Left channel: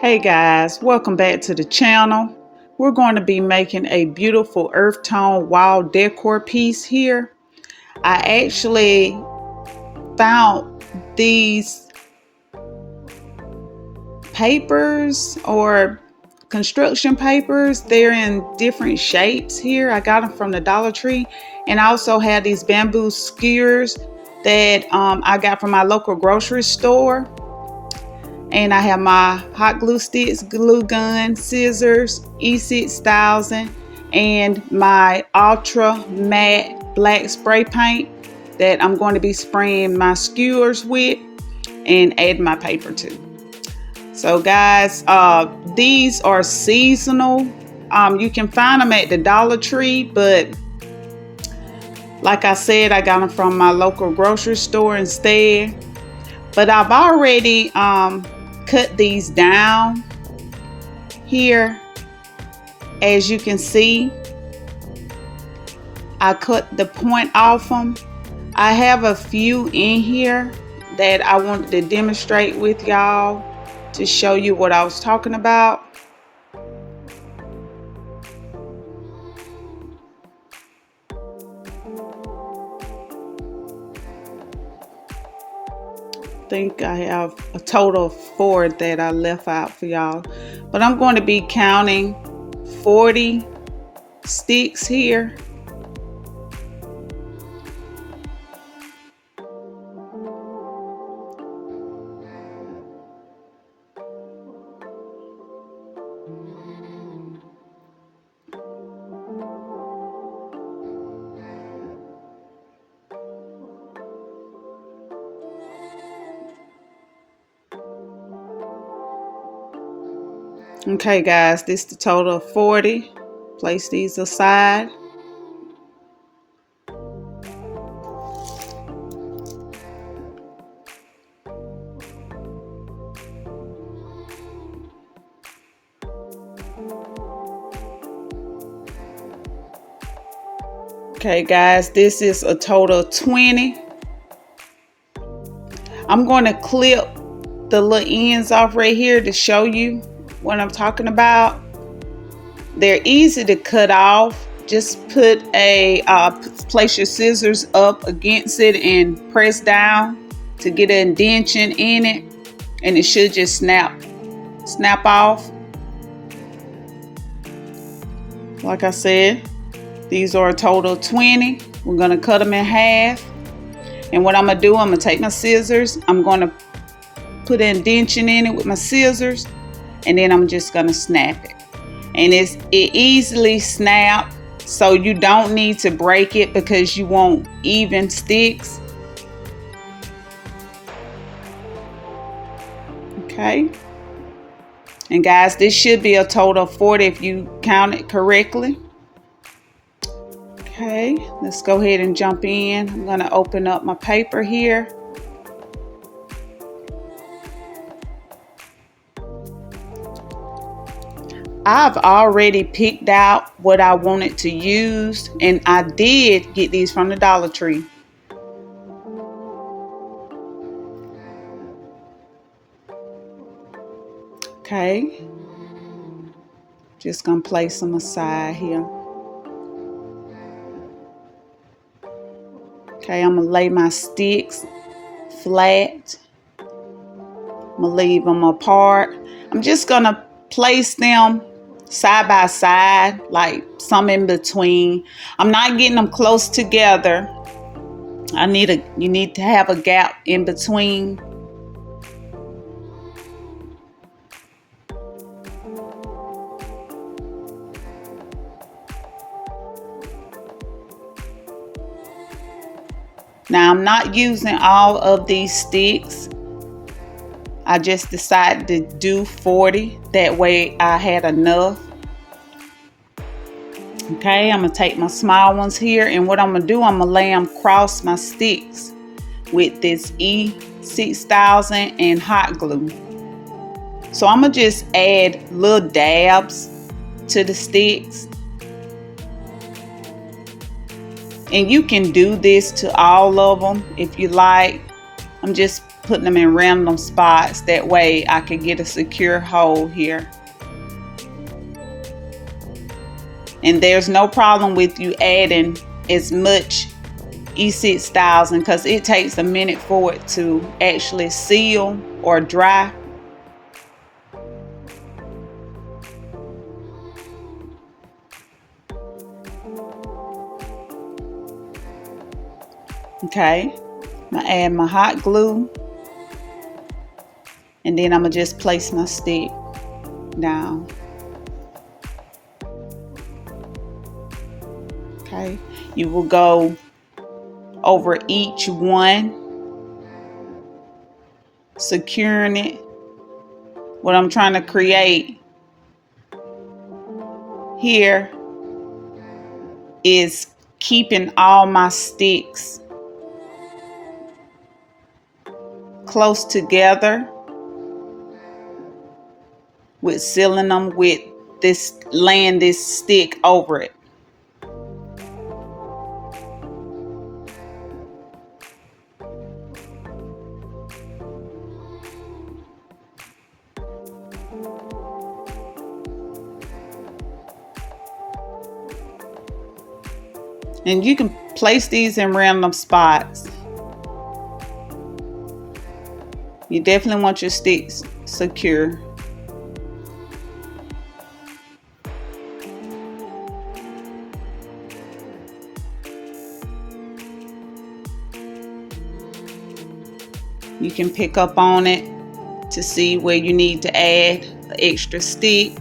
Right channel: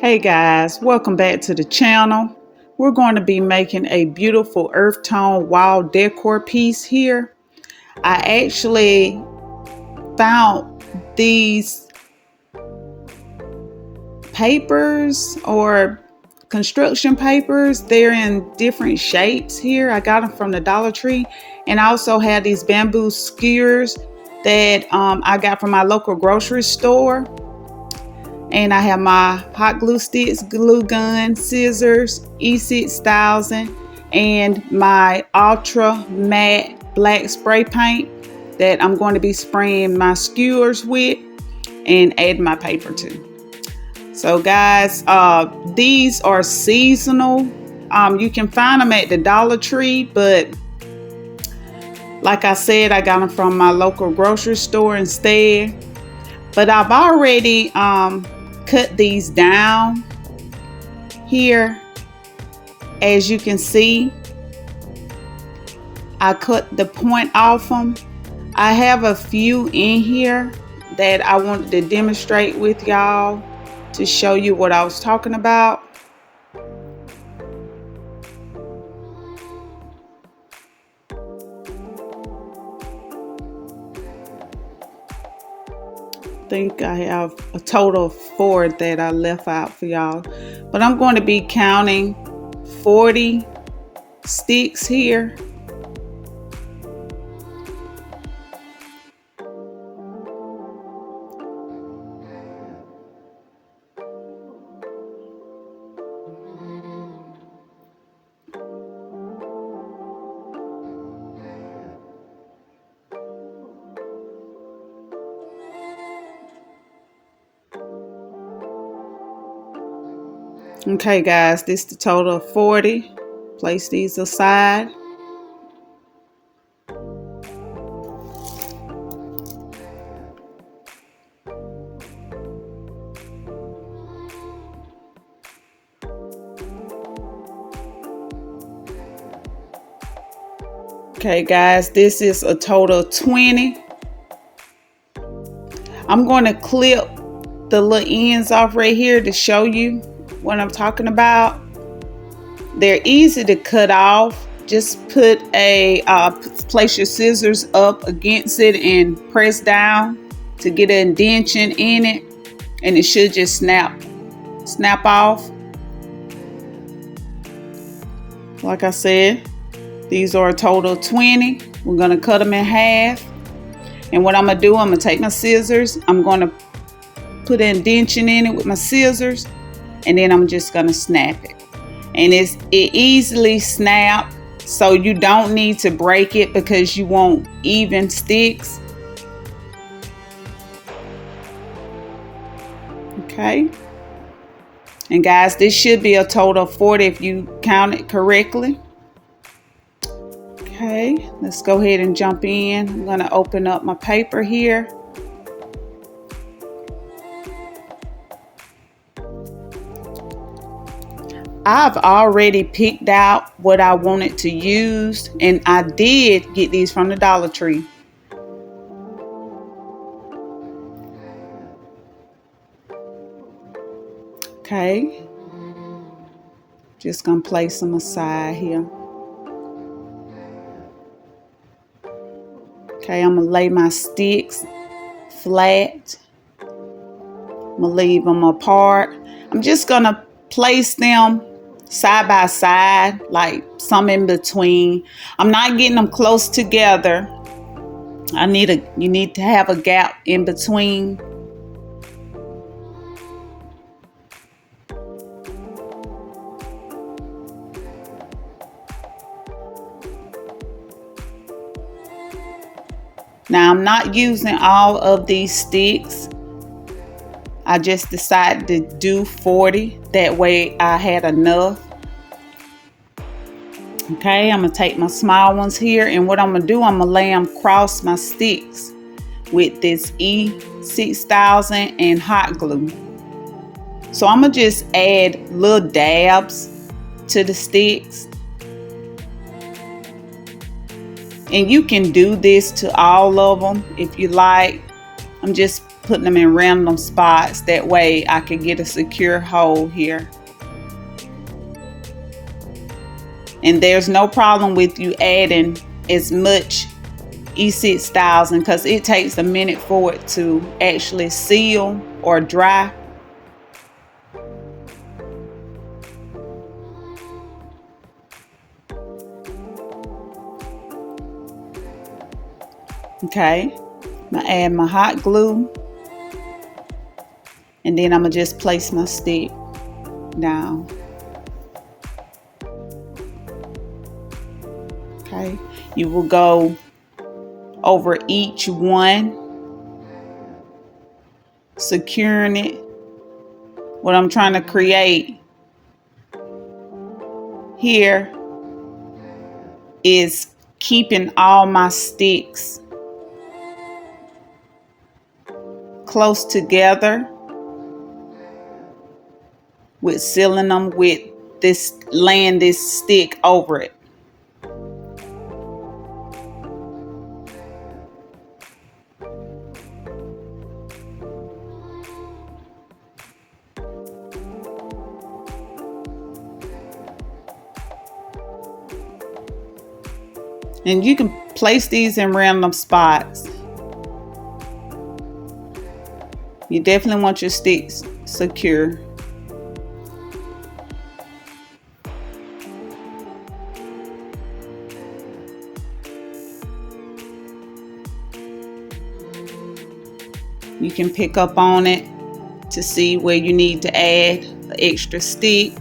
Hey guys, welcome back to the channel. We're going to be making a beautiful earth tone wall decor piece here. I actually found these papers or construction papers. They're in different shapes here. I got them from the Dollar Tree, and I also had these bamboo skewers that I got from my local grocery store. And I have my hot glue sticks, glue gun, scissors, E6000, and my Ultra Matte black spray paint that I'm going to be spraying my skewers with and add my paper to. So guys, these are seasonal. You can find them at the Dollar Tree, but like I said, I got them from my local grocery store instead. But I've already cut these down here. As you can see, I cut the point off them. I have a few in here that I wanted to demonstrate with y'all to show you what I was talking about. I think I have a total of 4 that I left out for y'all, but I'm going to be counting 40 sticks here. Okay guys, this is the total of 40. Place these aside. Okay guys, this is a total of 20. I'm going to clip the little ends off right here to show you what I'm talking about. They're easy to cut off. Just put place your scissors up against it and press down to get an indentation in it, and it should just snap off. Like I said, these are a total of 20. We're going to cut them in half. And what I'm going to do, I'm going to take my scissors. I'm going to put an indentation in it with my scissors. And then I'm just going to snap it. And it easily snaps, so you don't need to break it because you want even sticks. Okay. And guys, this should be a total of 40 if you count it correctly. Okay, let's go ahead and jump in. I'm going to open up my paper here. I've already picked out what I wanted to use, and I did get these from the Dollar Tree. Okay, just gonna place them aside here. Okay, I'm gonna lay my sticks flat. I'm gonna leave them apart. I'm just gonna place them side by side, like some in between. I'm not getting them close together. You need to have a gap in between. Now I'm not using all of these sticks. I just decided to do 40. That way I had enough. Okay, I'm going to take my small ones here. And what I'm going to do, I'm going to lay them across my sticks with this E6000 and hot glue. So I'm going to just add little dabs to the sticks. And you can do this to all of them if you like. I'm just putting them in random spots. That way I can get a secure hold here. And there's no problem with you adding as much E6000 because it takes a minute for it to actually seal or dry. Okay, I'm gonna add my hot glue, and then I'm gonna just place my stick down. Okay, you will go over each one, securing it. What I'm trying to create here is keeping all my sticks close together with sealing them with this, laying this stick over it. And you can place these in random spots. You definitely want your sticks secure. You can pick up on it to see where you need to add an extra stick.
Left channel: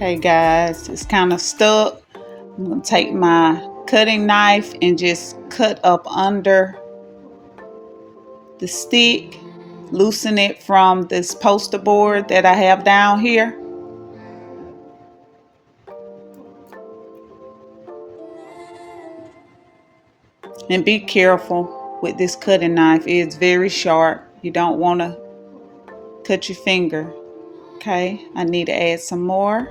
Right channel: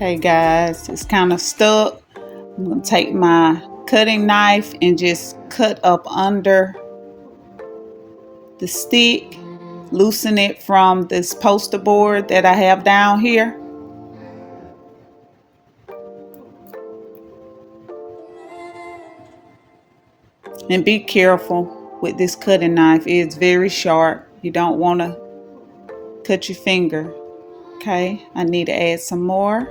Okay guys, it's kind of stuck. I'm going to take my cutting knife and just cut up under the stick, loosen it from this poster board that I have down here. And be careful with this cutting knife. It's very sharp. You don't want to cut your finger. Okay, I need to add some more.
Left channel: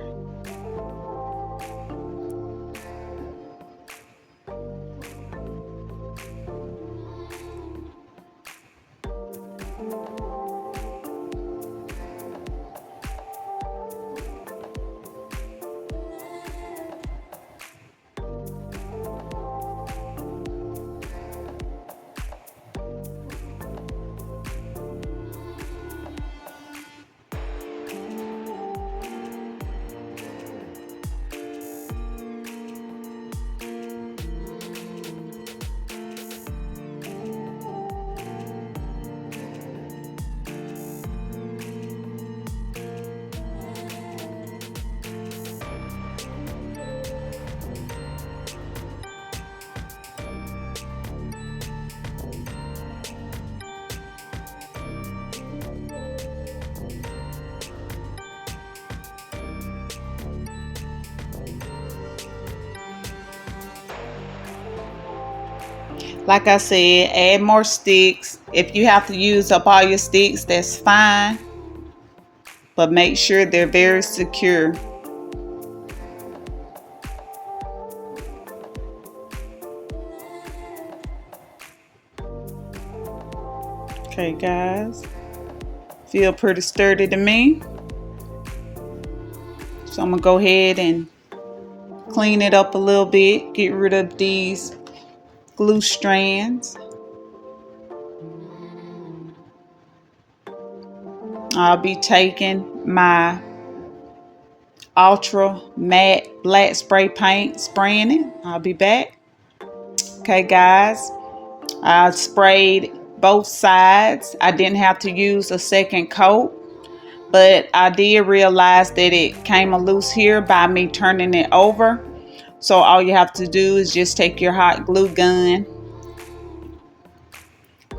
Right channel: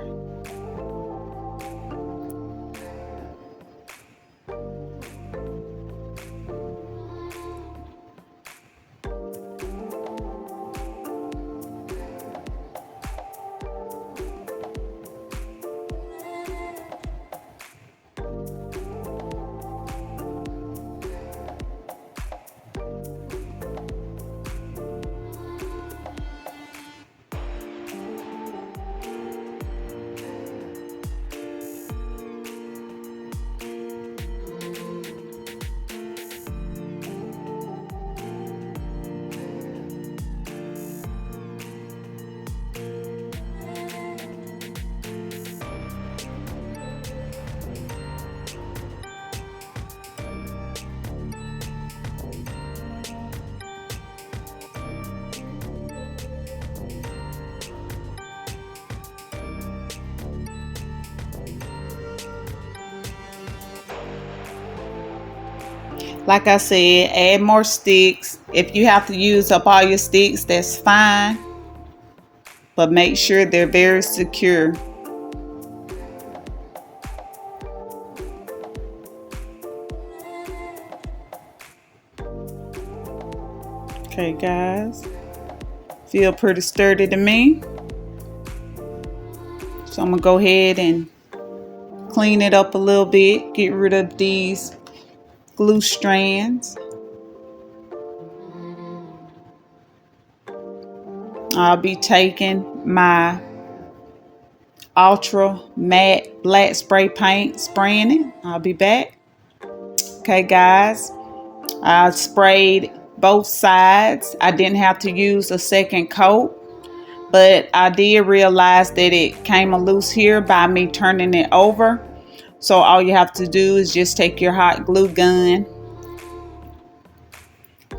Like I said, add more sticks. If you have to use up all your sticks, that's fine. But make sure they're very secure. Okay guys, feel pretty sturdy to me. So I'm gonna go ahead and clean it up a little bit, get rid of these glue strands. I'll be taking my Ultra Matte black spray paint, spraying it. I'll be back. Okay guys, I sprayed both sides. I didn't have to use a second coat, but I did realize that it came loose here by me turning it over. So all you have to do is just take your hot glue gun,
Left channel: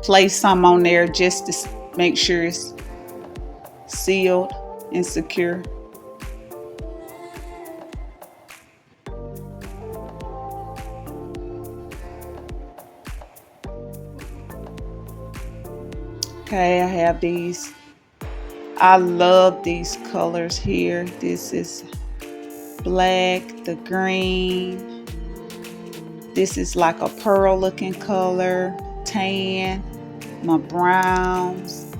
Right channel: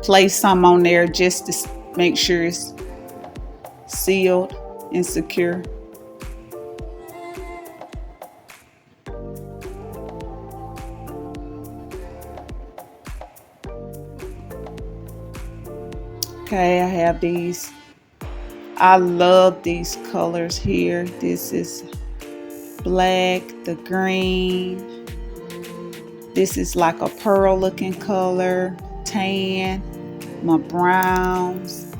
place some on there just to make sure it's sealed and secure. Okay, I have these. I love these colors here. This is black, the green. This is like a pearl looking color, tan, my browns,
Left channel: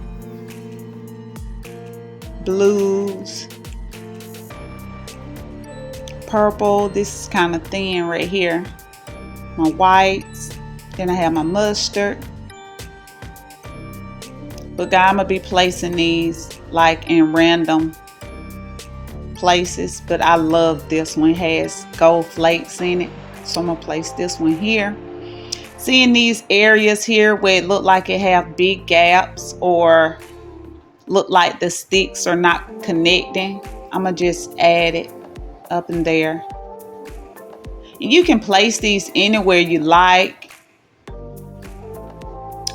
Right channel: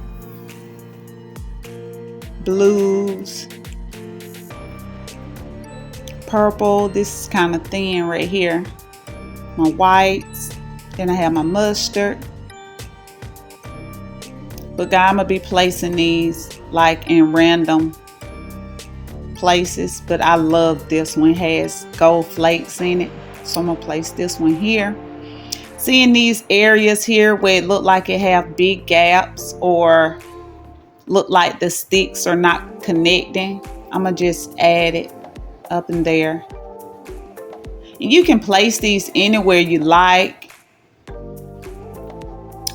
blues, purple. This is kind of thin right here. My whites. Then I have my mustard. But I'm gonna be placing these like in random places, but I love this one. It has gold flakes in it, so I'm gonna place this one here. Seeing these areas here where it look like it have big gaps or look like the sticks are not connecting, I'm gonna just add it up in there. And you can place these anywhere you like.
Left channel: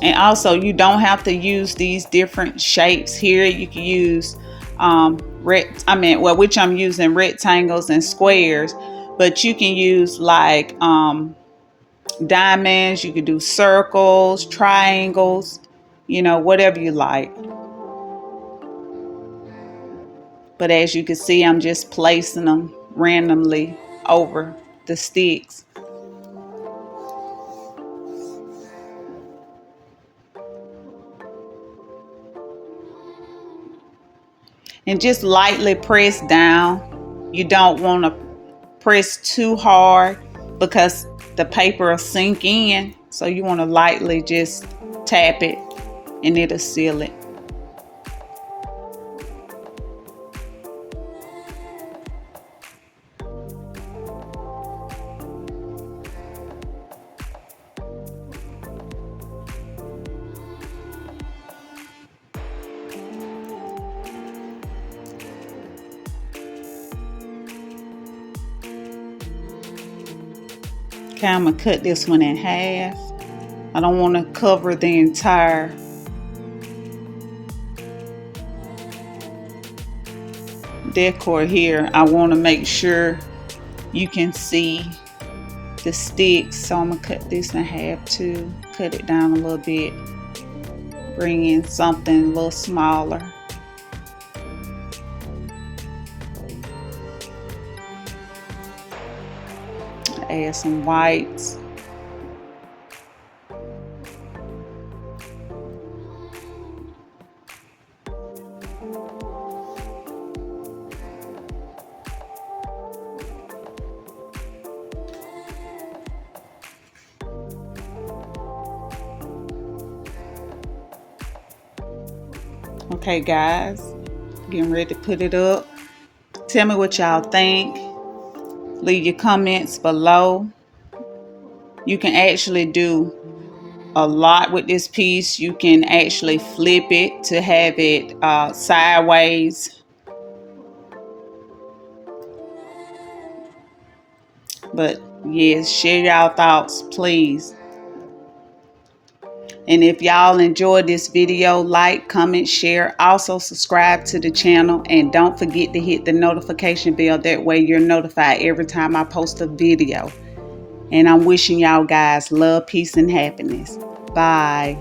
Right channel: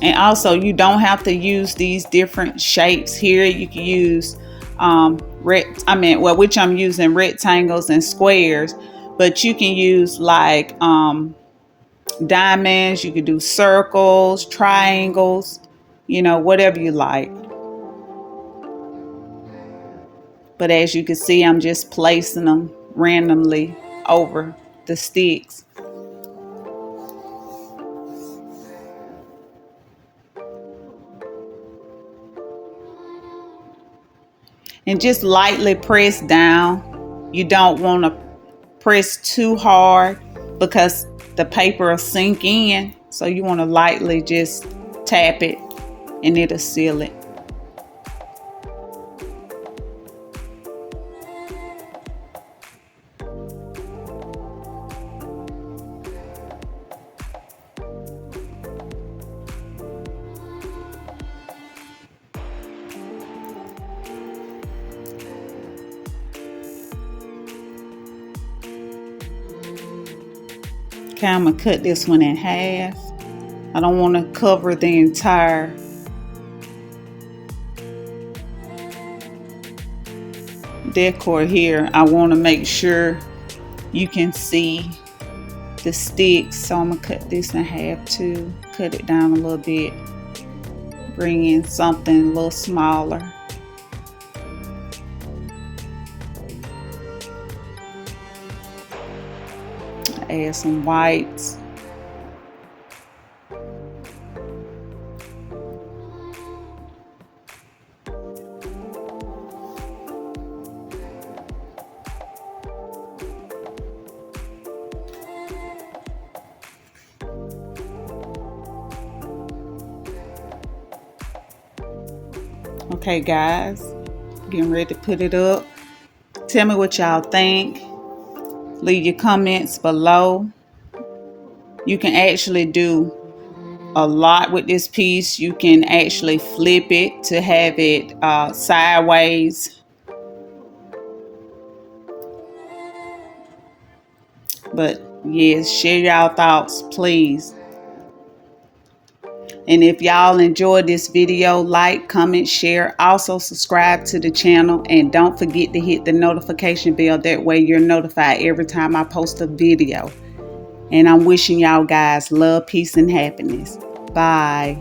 And also, you don't have to use these different shapes here. You can use which I'm using rectangles and squares, but you can use like diamonds. You can do circles, triangles, whatever you like. But as you can see, I'm just placing them randomly over the sticks. And just lightly press down. You don't want to press too hard because the paper will sink in. So you want to lightly just tap it and it'll seal it. Okay, I'm gonna cut this one in half. I don't want to cover the entire decor here. I want to make sure you can see the sticks, so I'm gonna cut this in half too. Cut it down a little bit. Bring in something a little smaller. Add some whites. Okay guys, getting ready to put it up. Tell me what y'all think. Leave your comments below. You can actually do a lot with this piece. You can actually flip it to have it sideways. But yes, share y'all thoughts, please. And if y'all enjoyed this video, like, comment, share. Also subscribe to the channel. And don't forget to hit the notification bell. That way you're notified every time I post a video. And I'm wishing y'all guys love, peace, and happiness. Bye.